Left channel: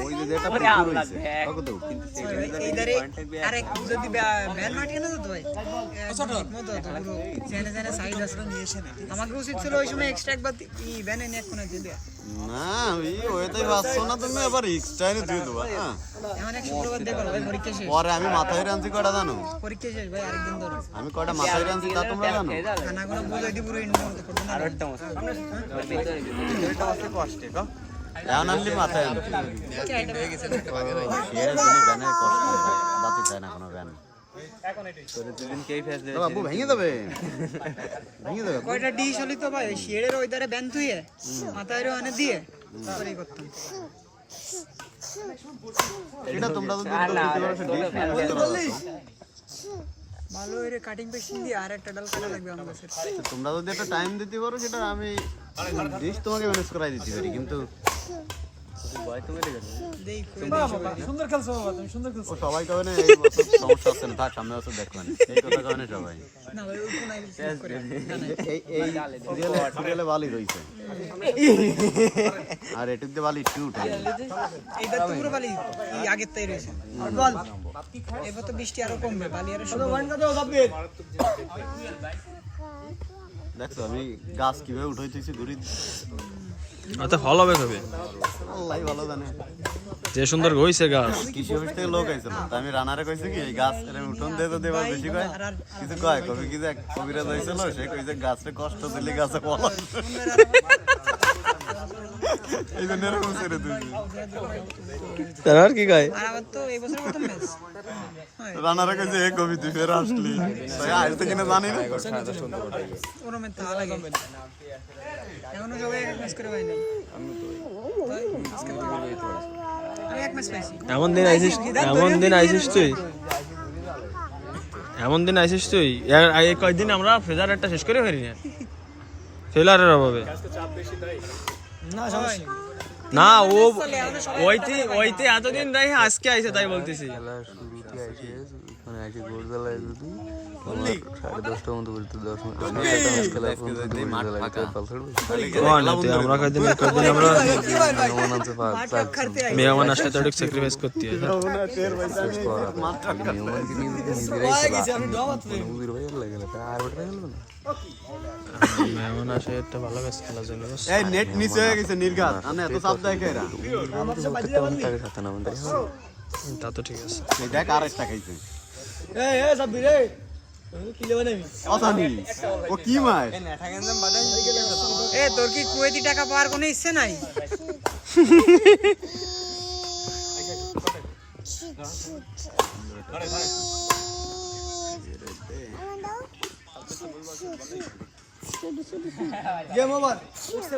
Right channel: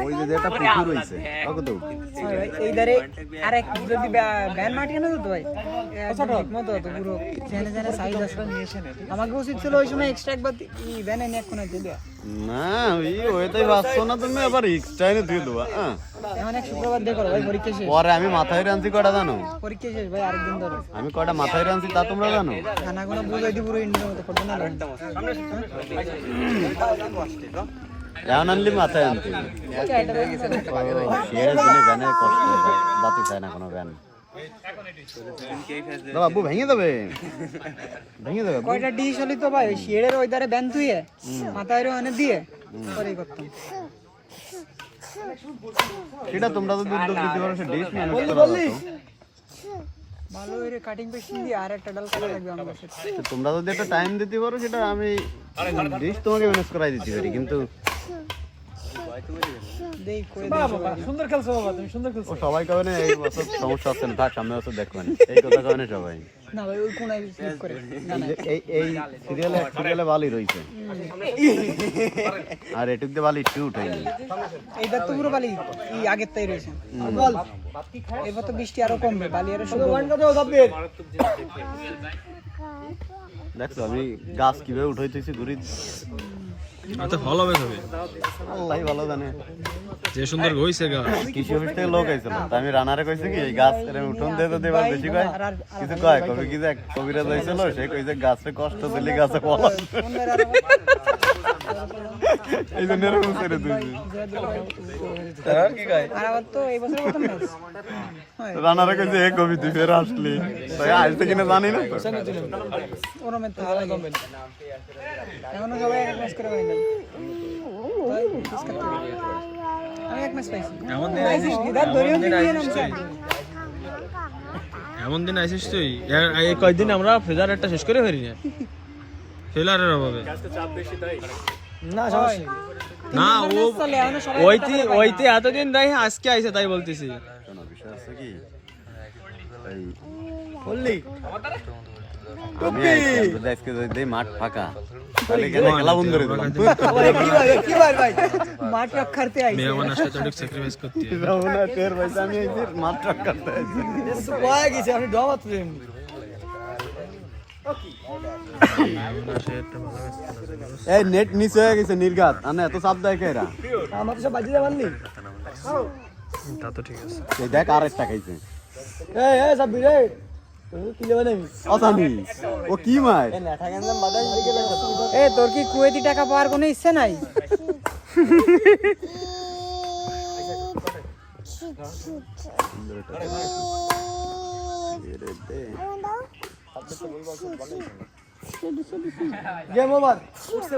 ওই যে যেটা পুকুর হইছে ওকে তো ভাই এই ধারে আরেক যদি ভ্যান মাটি কেন তো ভাই ঠিকমতো তো পুরো জেনে জেনে সাইজ আছে আমাকে উচিত ছিল ওই সময় এক্সট্রা একবার ই ভ্যান এনে এক কোণে দিলে না ওইটাই বাসছো না তুমি আবার এক্সট্রা এনে দিয়ে দেবা হ্যাঁ এমন এক শুক্রবার দেখো ভাই পরীক্ষা শেষ পরে আমি মাথায় রানছি কটা জানো পরীক্ষা শেষ ভাই আরেকদিন ধরো আমি কটা মাথায় রানছি তা তোমরা জানো খানা কোনো বুঝাই দি পুরো ইন্ডিয়ার মতো করতে না এখন আনলি মাথায় আনছি শেয়ার দিনে ভ্যানের কষ্ট বাতি চায় না কোনো ভ্যান বাবু ভেঙে দেবে কয়টা ডিশ হলি তো ভাই ওই শেডের ওই ধারে ব্যান থুয়ে মাথায় অনে দিয়ে পরেই করতাম সেটা তোমরা যদি উদ্যোগ দিতে পারো সে ডিশ ম্যানেজ ভালো এর কাটিং পেশিন দিয়ে আর একটা ডাল কাটা লাগবে আমার কাছে তোমরা যদি একটা টাইম দিতে পারো সেটা আমি ডিশ তোমাকে ম্যানেজ করাই দিতে পারি কিন্তু দেই কই দেই সবাই সুন্দর খেলছো বাবা তুমি সুন্দর খেলছো সবাই কবে না এই বছর সমস্যা আছে না থাক সামনে বছর দেখবেন এই কথা কবে না সবাই না ভাই ওই কোনায় ক্লিক করে জানা এই সিরিয়ালে বালি রইছে আর এটুক দিয়ে বালি একটু উঠাইনি এইবার তো পুরো বালি এই আগের তাই রয়েছে আর বল এবার তো বৃষ্টি আরো কমবে বালি আরো শুরু ওয়ান কত সাবমিট দেখো আমি গাছ কিভাবে উঠাইতেছি ঘুরি আচ্ছা ভালো হবে তবে আল্লাহ ভালো জানে যে সুন্দর হইছে গাছ কৃষি অফিস থেকে লোক আইছিল তা আমি রানারে কইছি কি এই গাছ উঠোন দিয়ে তো দেবার বেশি কয় কিছু কয় কবি কি যে কবিরাজ আইছিল সে কইছে গাছে কষ্ট দিলে গাছে ফল এই জন্য এরকম ছেড়ে দিয়েছি আর কি কয় আর আবার তো এই বছর প্রথম ম্যাচ রানারে কইছে এ কবি তুই ফের আসলি তাই আজ থেকে না জানি না ওরমের তো ভালো লাগে এখনো সবাই এক ম্যাচ করে পাইনি আমি এক ম্যাচ পাইছি এমন দিন আইসিস তুই এই কয়েকদিন আমরা ফেজার একটা শেষ করে ফেরি না ফেলারের অভাবে না ও ওইতে এতদিন তাই আজকে আইছে তাই বলতেছি মাঠ ফাঁকা মেহমান আসলে তো একটু স্যাক্রিফাইস করতে হয় মেহমান আসে একটা ভালো ম্যাচ খেলার জন্য এই নেট নিচে হয়ে গেছে নির্ঘাত আনে এত চাপ দেয় কেরা আমার সব বাজি যাবানি তা তো ঠিক আছে দেখ আর একটা খাইছে এই সব বিরে কি লেবা নামি অসানি ও কি মার এ তোর কি কুয়েতি টাকা পাওয়ার কোনো ইচ্ছে নাই গেম ওভার উঠছে